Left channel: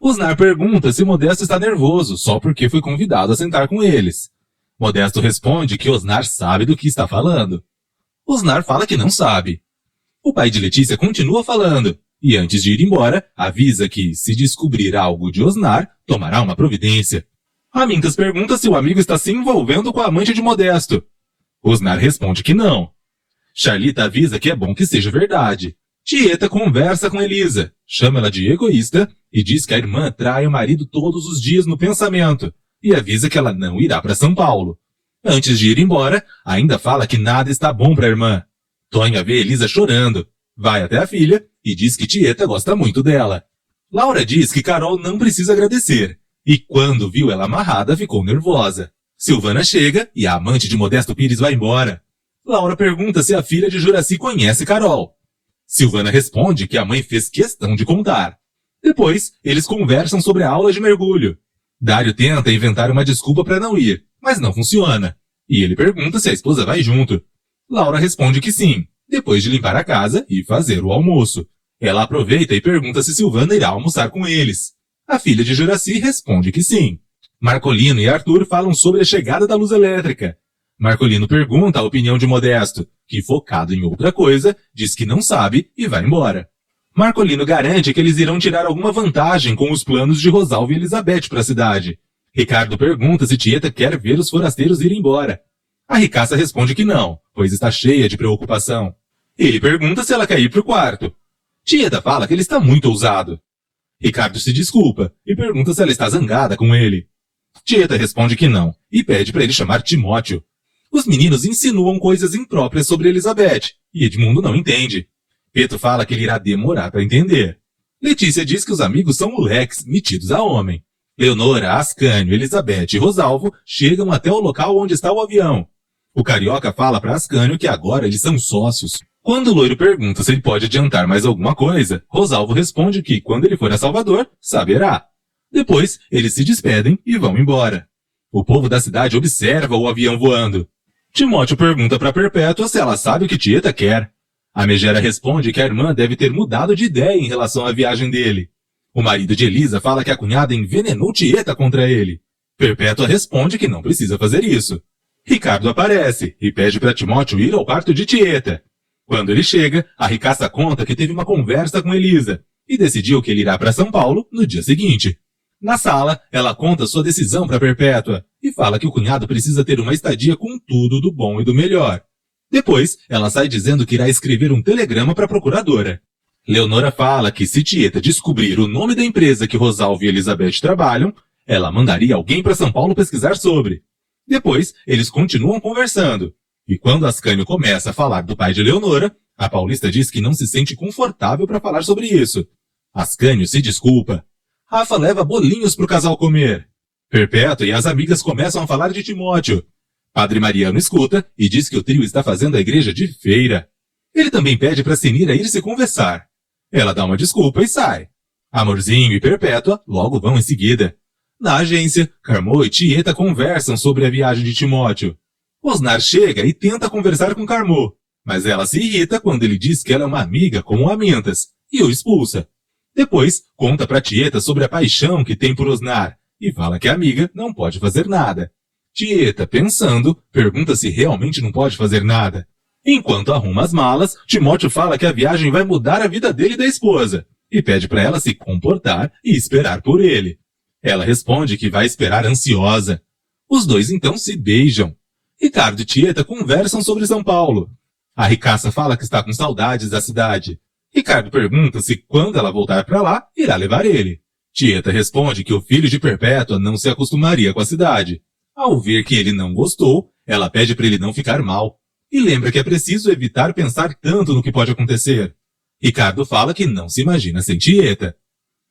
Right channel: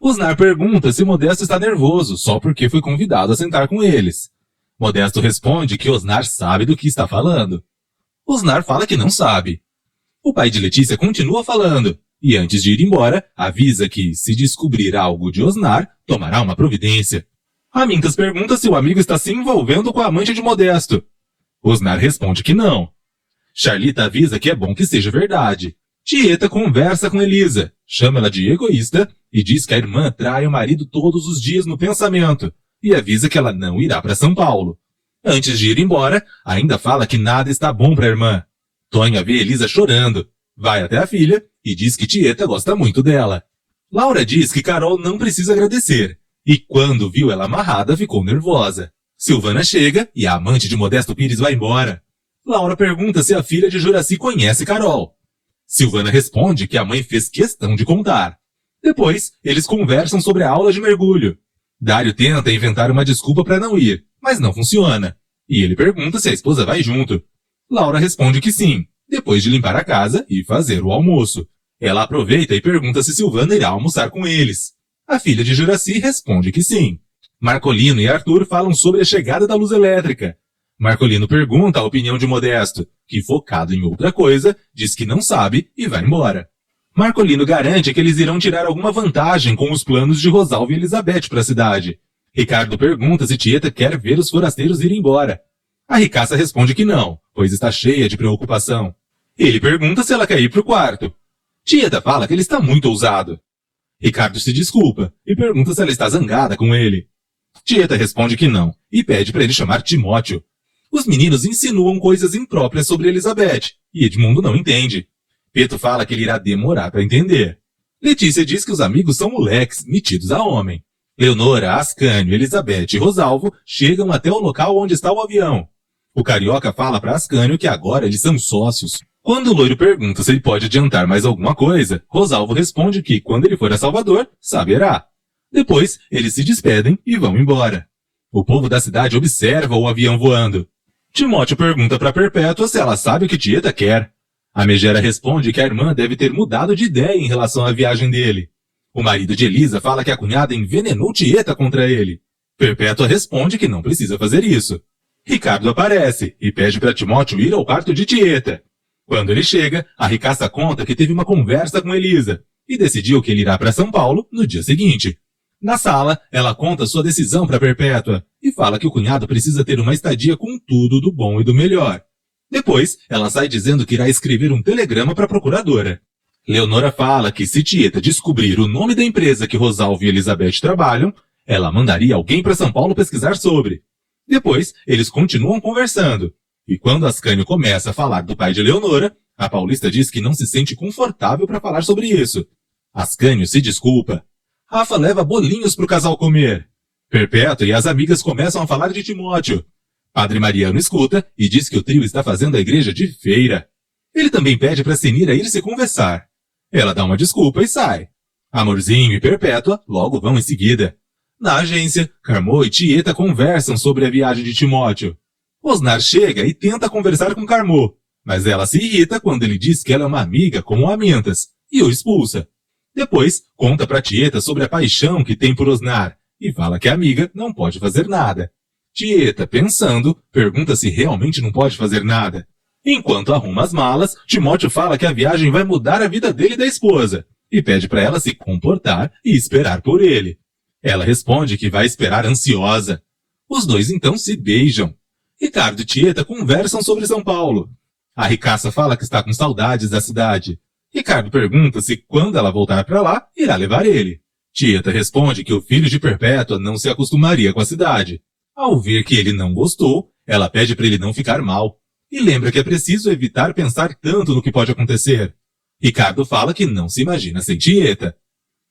Osnar pergunta se Modesto está nervoso só porque foi convidado a sentar com eles. Modesto responde que Osnar sabe do que está falando. Osnar fala que não sabe. O pai de Letícia continua falando, e antes de ir embora, avisa que, se descobrir algo de Osnar, tomará uma providência. Amintas pergunta se o amigo está se envolvendo com a amante de Modesto. Osnar responde que não. Charlita avisa que é bom que seja verdade. Tieta conversa com Elisa, chama ela de egoísta e diz que a irmã trai o marido todos os dias no pensamento e avisa que ela não irá para São Paulo. Antes de ir embora, ainda fala que nada está bom para a irmã. Tonha vê Elisa chorando, vai até a filha e diz que Tieta gosta muito dela. Laura diz que Carol não precisa agradecer e quando viu ela amarrada ficou nervosa. Silvana chega e a amante de Modesto Pires vai embora. Laura pergunta se a filha de Juraci conhece Carol. Silvana responde que a mãe fez questão de contar. Depois, eles conversam sobre a aula de mergulho. Dário tenta inventar uma desculpa para não ir, mas não funciona. E ele pergunta se a esposa vai junto. Laura responde que sim, depois de limpar a casa e fazer o almoço. Ela aproveita e pergunta se Silvana irá almoçar com eles. A filha de Juraci responde que sim. Marcolino e Arthur falam sobre a chegada da luz elétrica. Marcolino pergunta a opinião de Modesto, que, focado em outra coisa, diz que não sabe e vai embora. Marcolino garante que eles irão tirar alguma vantagem com os planos de Rosalvo e Elizabeth para a cidade. Ricardo pergunta se Tieta quer ver os forasteiros ir embora. A ricaça responde que não, pois está cheia de preocupação. Ele pergunta se ela quer ir para o quarto. Tieta fala que ele está muito ousado. Ricardo se desculpa e pergunta se ela está zangada com ele. Tieta responde que não e pede para ele chamar Timóteo. Os meninos insinuam coisas impróprias sobre Elizabeth, e Edmundo não entende. Peto fala que ele irá demorar para entender. Letícia diz que os amigos são moleques, metidos a homem. Leonora, Ascânio, Elizabeth e Rosalvo chegam até o local onde está o avião. O carioca fala para Ascânio que agora eles são sócios. Quando o loiro pergunta se ele pode adiantar mais alguma coisa, Rosalvo responde que, quando ele for a Salvador, saberá. Depois, eles se despedem e vão embora. O povo da cidade observa o avião voando. Timóteo pergunta para Perpétua se ela sabe o que Tieta quer. A Megera responde que a irmã deve ter mudado de ideia em relação à viagem dele. O marido de Elisa fala que a cunhada envenenou Tieta contra ele. Perpétua responde que não precisa fazer isso. Ricardo aparece e pede para Timóteo ir ao quarto de Tieta. Quando ele chega, a ricaça conta que teve uma conversa com Elisa e decidiu que ele irá para São Paulo no dia seguinte. Na sala, ela conta sua decisão para Perpétua e fala que o cunhado precisa ter uma estadia com tudo do bom e do melhor. Depois, ela sai dizendo que irá escrever um telegrama para a procuradora. Leonora fala que se Tieta descobrir o nome da empresa que Rosalvo e Elizabeth trabalham, ela mandaria alguém para São Paulo pesquisar sobre. Depois, eles continuam conversando. E quando Ascânio começa a falar do pai de Leonora, a paulista diz que não se sente confortável para falar sobre isso. Ascânio se desculpa. Rafa leva bolinhos para o casal comer. Perpétua e as amigas começam a falar de Timóteo. Padre Mariano escuta e diz que o trio está fazendo a igreja de feira. Ele também pede para Senira ir se conversar. Ela dá uma desculpa e sai. Amorzinho e Perpétua logo vão em seguida. Na agência, Carmô e Tieta conversam sobre a viagem de Timóteo. Osnar chega e tenta conversar com Carmô, mas ela se irrita quando ele diz que ela é uma amiga como Amintas e o expulsa. Depois, conta para Tieta sobre a paixão que tem por Osnar e fala que a amiga não pode fazer nada. Tieta, pensando, pergunta se realmente não pode fazer nada. Enquanto arruma as malas, Timóteo fala que a viagem vai mudar a vida dele e da esposa e pede para ela se comportar e esperar por ele. Ela responde que vai esperar ansiosa. Os dois então se beijam. Ricardo e Tieta conversam sobre São Paulo. A ricaça fala que está com saudades da cidade. Ricardo pergunta se, quando ela voltar para lá, irá levar ele. Tieta responde que o filho de Perpétua não se acostumaria com a cidade. Ao ver que ele não gostou, ela pede para ele não ficar mal. E lembra que é preciso evitar pensar tanto no que pode acontecer. Ricardo fala que não se imagina sem Tieta.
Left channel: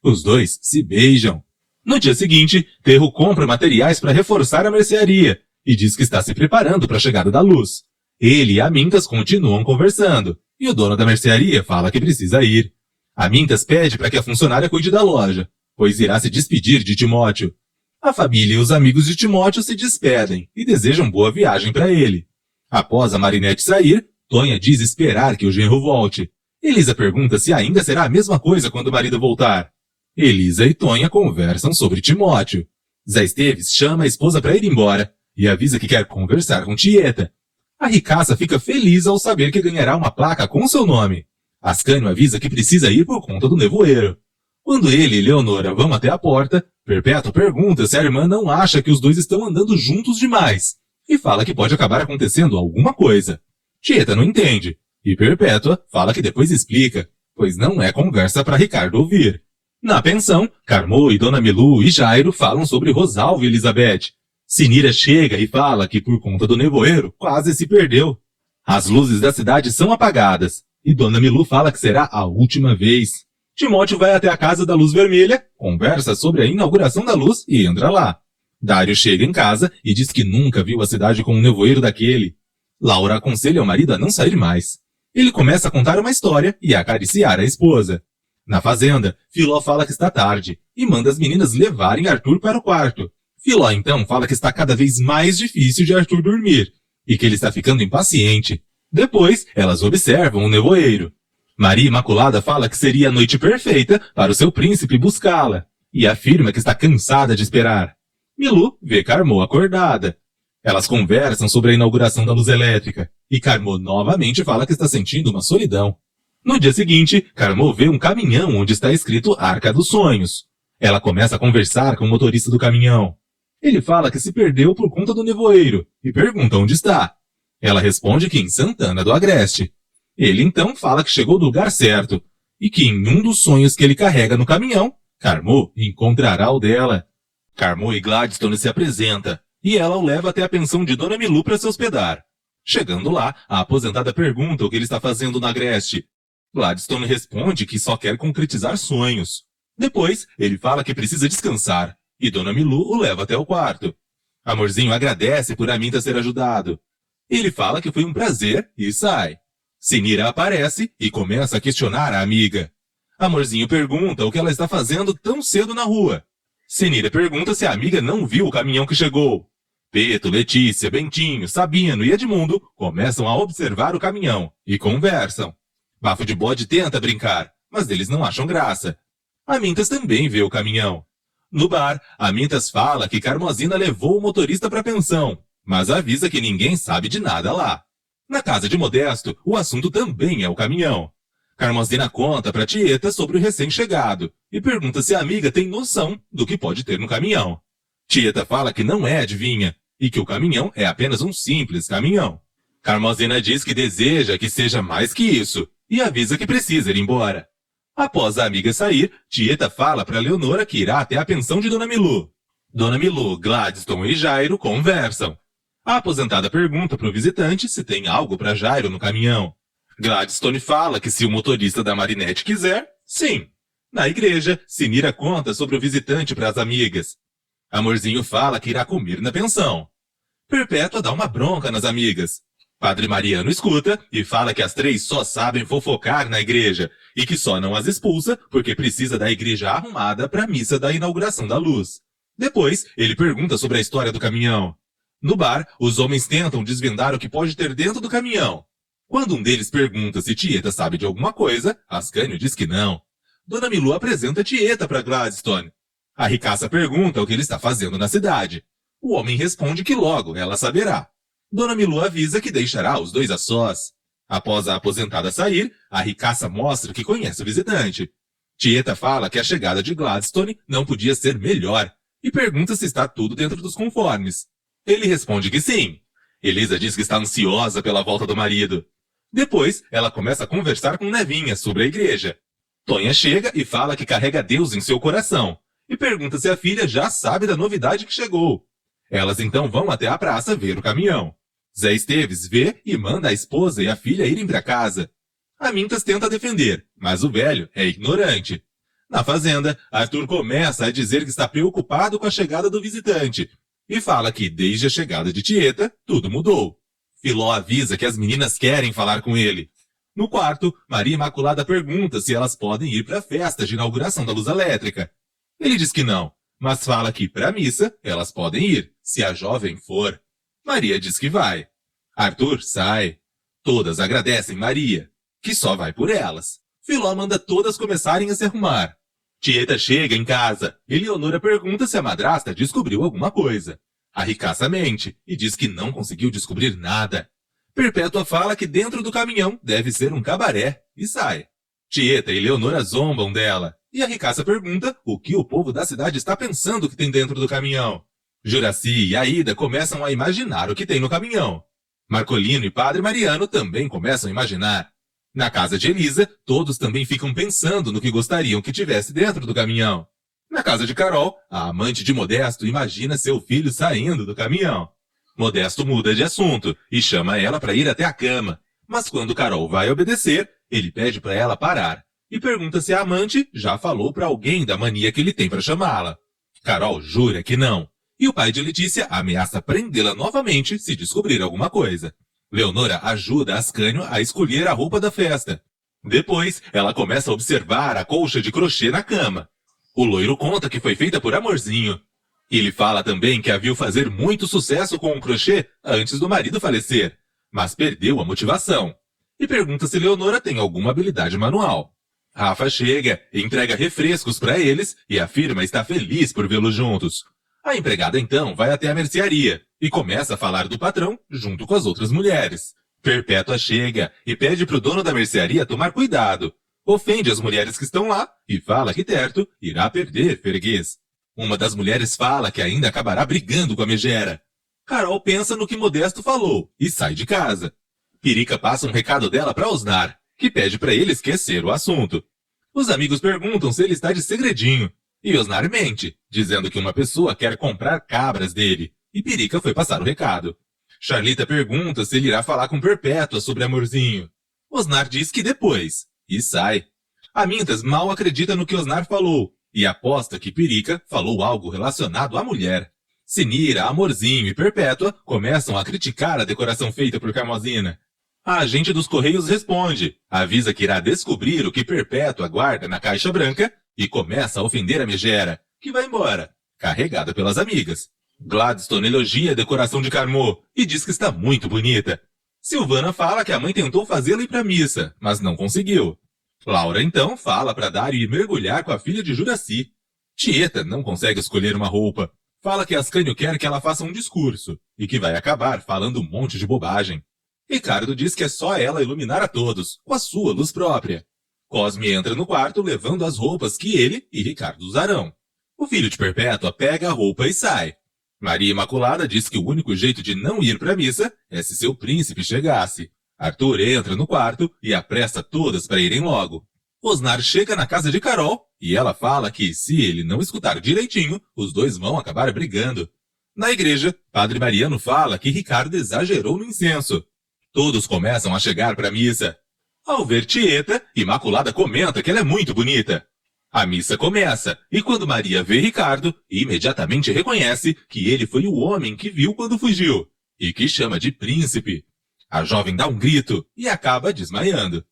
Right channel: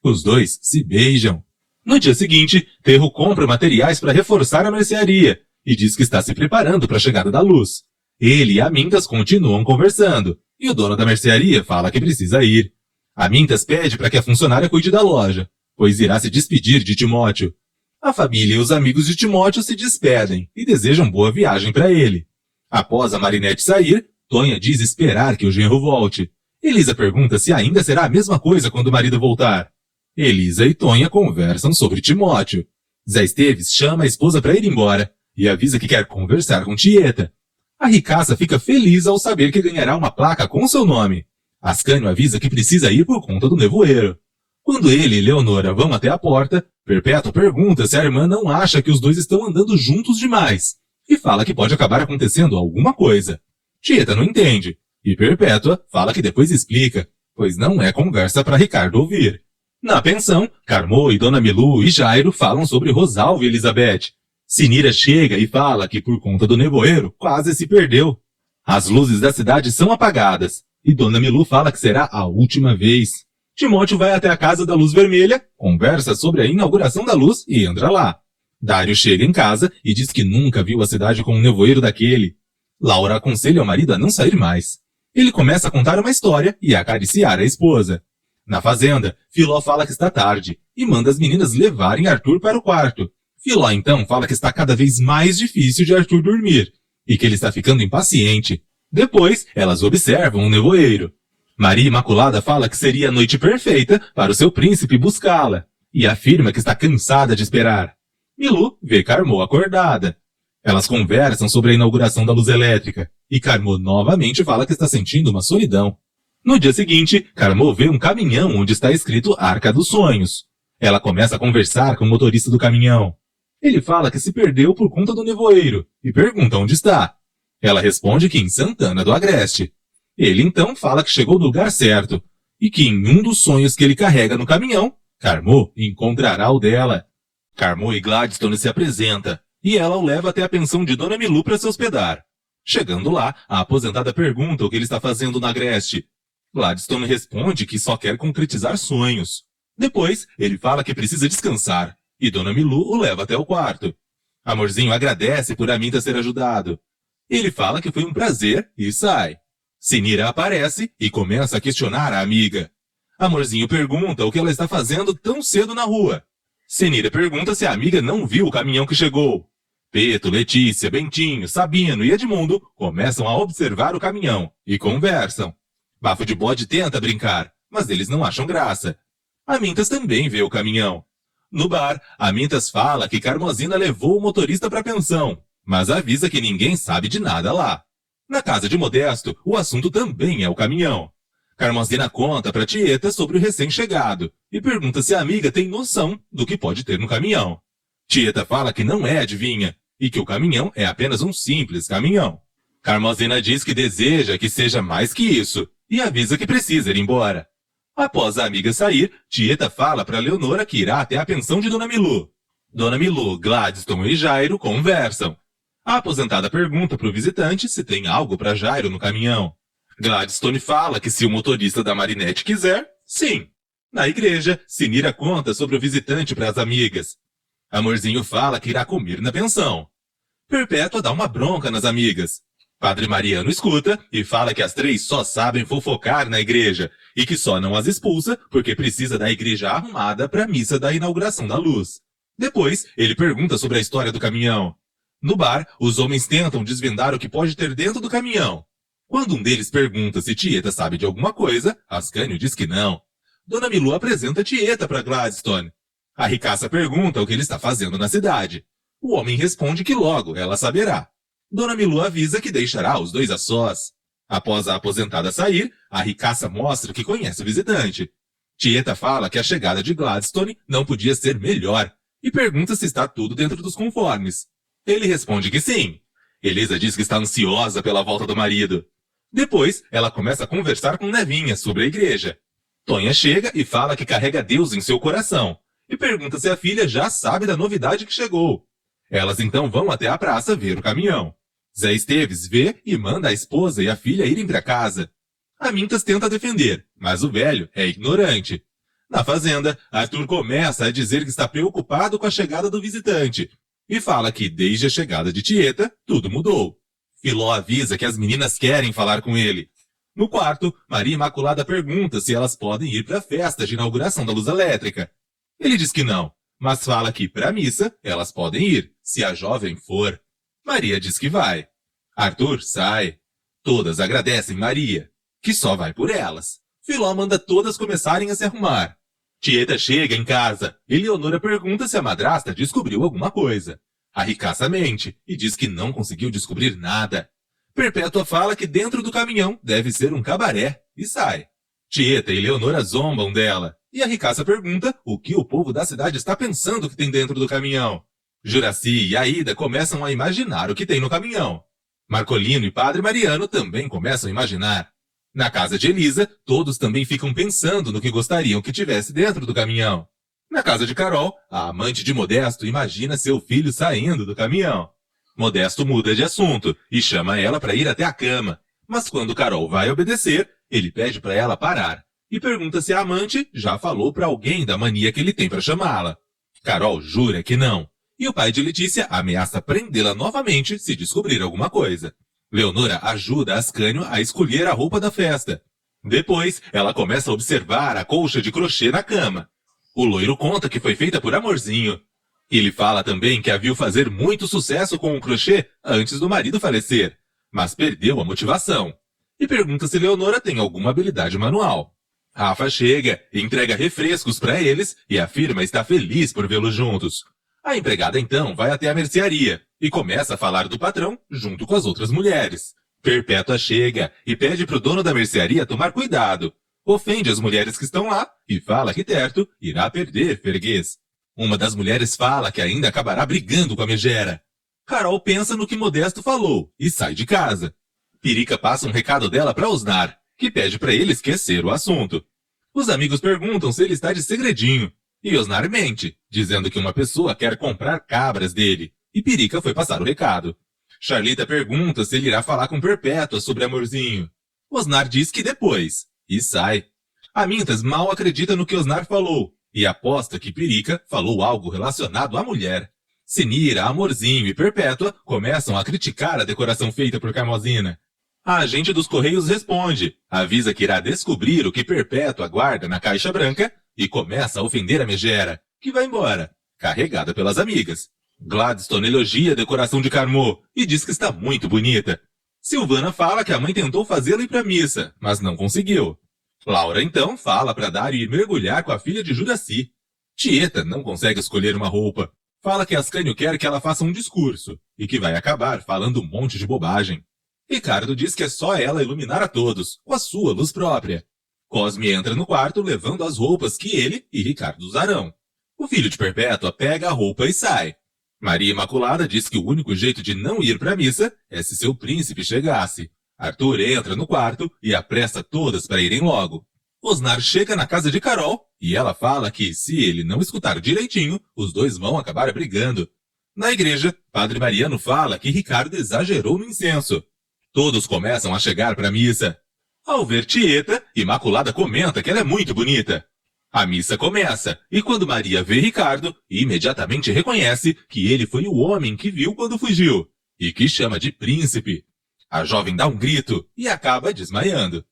Os dois se beijam. No dia seguinte, Terro compra materiais para reforçar a mercearia e diz que está se preparando para a chegada da luz. Ele e Amintas continuam conversando, e o dono da mercearia fala que precisa ir. Amintas pede para que a funcionária cuide da loja, pois irá se despedir de Timóteo. A família e os amigos de Timóteo se despedem e desejam boa viagem para ele. Após a Marinette sair, Tonha diz esperar que o genro volte. Elisa pergunta se ainda será a mesma coisa quando o marido voltar. Elisa e Tonha conversam sobre Timóteo. Zé Esteves chama a esposa para ir embora e avisa que quer conversar com Tieta. A ricaça fica feliz ao saber que ganhará uma placa com seu nome. Ascânio avisa que precisa ir por conta do nevoeiro. Quando ele e Leonora vão até a porta, Perpétua pergunta se a irmã não acha que os dois estão andando juntos demais e fala que pode acabar acontecendo alguma coisa. Tieta não entende e Perpétua fala que depois explica, pois não é conversa para Ricardo ouvir. Na pensão, Carmô e Dona Milu e Jairo falam sobre Rosalvo e Elizabeth. Sinira chega e fala que por conta do nevoeiro quase se perdeu. As luzes da cidade são apagadas e Dona Milu fala que será a última vez. Timóteo vai até a casa da luz vermelha, conversa sobre a inauguração da luz e entra lá. Dário chega em casa e diz que nunca viu a cidade com um nevoeiro daquele. Laura aconselha o marido a não sair mais. Ele começa a contar uma história e a acariciar a esposa. Na fazenda, Filó fala que está tarde e manda as meninas levarem Arthur para o quarto. Filó então fala que está cada vez mais difícil de Arthur dormir e que ele está ficando impaciente. Depois, elas observam um nevoeiro. Maria Imaculada fala que seria a noite perfeita para o seu príncipe buscá-la e afirma que está cansada de esperar. Milu vê Carmô acordada. Elas conversam sobre a inauguração da luz elétrica e Carmô novamente fala que está sentindo uma solidão. No dia seguinte, Carmô vê um caminhão onde está escrito Arca dos Sonhos. Ela começa a conversar com o motorista do caminhão. Ele fala que se perdeu por conta do nevoeiro e pergunta onde está. Ela responde que em Santana do Agreste. Ele então fala que chegou no lugar certo e que em um dos sonhos que ele carrega no caminhão, Carmô encontrará o dela. Carmô e Gladstone se apresenta e ela o leva até a pensão de Dona Milu para se hospedar. Chegando lá, a aposentada pergunta o que ele está fazendo no Agreste. Gladstone responde que só quer concretizar sonhos. Depois, ele fala que precisa descansar e Dona Milu o leva até o quarto. Amorzinho agradece por Aminta ser ajudado. Ele fala que foi um prazer e sai. Sinira aparece e começa a questionar a amiga. Amorzinho pergunta o que ela está fazendo tão cedo na rua. Sinira pergunta se a amiga não viu o caminhão que chegou. Peto, Letícia, Bentinho, Sabino e Edmundo começam a observar o caminhão e conversam. Bafo de Bode tenta brincar, mas eles não acham graça. Amintas também vê o caminhão. No bar, Amintas fala que Carmozina levou o motorista para a pensão, mas avisa que ninguém sabe de nada lá. Na casa de Modesto, o assunto também é o caminhão. Carmozina conta para Tieta sobre o recém-chegado e pergunta se a amiga tem noção do que pode ter no caminhão. Tieta fala que não é adivinha e que o caminhão é apenas um simples caminhão. Carmozina diz que deseja que seja mais que isso e avisa que precisa ir embora. Após a amiga sair, Tieta fala para Leonora que irá até a pensão de Dona Milu. Dona Milu, Gladstone e Jairo conversam. A aposentada pergunta para o visitante se tem algo para Jairo no caminhão. Gladstone fala que se o motorista da Marinette quiser, sim. Na igreja, Sinira conta sobre o visitante para as amigas. Amorzinho fala que irá comer na pensão. Perpétua dá uma bronca nas amigas. Padre Mariano escuta e fala que as três só sabem fofocar na igreja e que só não as expulsa porque precisa da igreja arrumada para a missa da inauguração da luz. Depois, ele pergunta sobre a história do caminhão. No bar, os homens tentam desvendar o que pode ter dentro do caminhão. Quando um deles pergunta se Tieta sabe de alguma coisa, Ascânio diz que não. Dona Milu apresenta Tieta para Gladstone. A ricaça pergunta o que ele está fazendo na cidade. O homem responde que logo ela saberá. Dona Milu avisa que deixará os dois a sós. Após a aposentada sair, a ricaça mostra que conhece o visitante. Tieta fala que a chegada de Gladstone não podia ser melhor e pergunta se está tudo dentro dos conformes. Ele responde que sim. Elisa diz que está ansiosa pela volta do marido. Depois, ela começa a conversar com Nevinha sobre a igreja. Tonha chega e fala que carrega Deus em seu coração e pergunta se a filha já sabe da novidade que chegou. Elas então vão até a praça ver o caminhão. Zé Esteves vê e manda a esposa e a filha irem para casa. Amintas tenta defender, mas o velho é ignorante. Na fazenda, Arthur começa a dizer que está preocupado com a chegada do visitante e fala que desde a chegada de Tieta, tudo mudou. Filó avisa que as meninas querem falar com ele. No quarto, Maria Imaculada pergunta se elas podem ir para a festa de inauguração da luz elétrica. Ele diz que não, mas fala que para a missa elas podem ir, se a jovem for. Maria diz que vai. Arthur sai. Todas agradecem Maria, que só vai por elas. Filó manda todas começarem a se arrumar. Tieta chega em casa e Leonora pergunta se a madrasta descobriu alguma coisa. A ricaça mente e diz que não conseguiu descobrir nada. Perpétua fala que dentro do caminhão deve ser um cabaré e sai. Tieta e Leonora zombam dela e a ricaça pergunta o que o povo da cidade está pensando que tem dentro do caminhão. Juraci e Aida começam a imaginar o que tem no caminhão. Marcolino e Padre Mariano também começam a imaginar. Na casa de Elisa, todos também ficam pensando no que gostariam que tivesse dentro do caminhão. Na casa de Carol, a amante de Modesto imagina seu filho saindo do caminhão. Modesto muda de assunto e chama ela para ir até a cama. Mas quando Carol vai obedecer, ele pede para ela parar e pergunta se a amante já falou para alguém da mania que ele tem para chamá-la. Carol jura que não. E o pai de Letícia ameaça prendê-la novamente se descobrir alguma coisa. Leonora ajuda Ascânio a escolher a roupa da festa. Depois, ela começa a observar a colcha de crochê na cama. O loiro conta que foi feita por Amorzinho. Ele fala também que a viu fazer muito sucesso com o crochê antes do marido falecer, mas perdeu a motivação. E pergunta se Leonora tem alguma habilidade manual. Rafa chega, entrega refrescos para eles e afirma estar feliz por vê-los juntos. A empregada então vai até a mercearia e começa a falar do patrão junto com as outras mulheres. Perpétua chega e pede para o dono da mercearia tomar cuidado. Ofende as mulheres que estão lá e fala que Terto irá perder Ferguês. Uma das mulheres fala que ainda acabará brigando com a megera. Carol pensa no que Modesto falou e sai de casa. Pirica passa um recado dela para Osnar, que pede para ele esquecer o assunto. Os amigos perguntam se ele está de segredinho. E Osnar mente, dizendo que uma pessoa quer comprar cabras dele, e Pirica foi passar o recado. Charlita pergunta se ele irá falar com Perpétua sobre Amorzinho. Osnar diz que depois, e sai. Amintas mal acredita no que Osnar falou, e aposta que Pirica falou algo relacionado à mulher. Sinira, Amorzinho e Perpétua começam a criticar a decoração feita por Carmosina. A agente dos Correios responde, avisa que irá descobrir o que Perpétua guarda na caixa branca, e começa a ofender a megera, que vai embora, carregada pelas amigas. Gladstone elogia a decoração de Carmô e diz que está muito bonita. Silvana fala que a mãe tentou fazê-la ir para a missa, mas não conseguiu. Laura então fala para Dário ir mergulhar com a filha de Juraci. Tieta não consegue escolher uma roupa. Fala que Ascânio quer que ela faça um discurso e que vai acabar falando um monte de bobagem. Ricardo diz que é só ela iluminar a todos, com a sua luz própria. Cosme entra no quarto levando as roupas que ele e Ricardo usarão. O filho de Perpétua pega a roupa e sai. Maria Imaculada diz que o único jeito de não ir para a missa é se seu príncipe chegasse. Arthur entra no quarto e apressa todas para irem logo. Osnar chega na casa de Carol e ela fala que, se ele não escutar direitinho, os dois vão acabar brigando. Na igreja, Padre Mariano fala que Ricardo exagerou no incenso. Todos começam a chegar para a missa. Ao ver Tieta, Imaculada comenta que ela é muito bonita. A missa começa, e quando Maria vê Ricardo, imediatamente reconhece que ele foi o homem que viu quando fugiu, e que chama de príncipe. A jovem dá um grito e acaba desmaiando.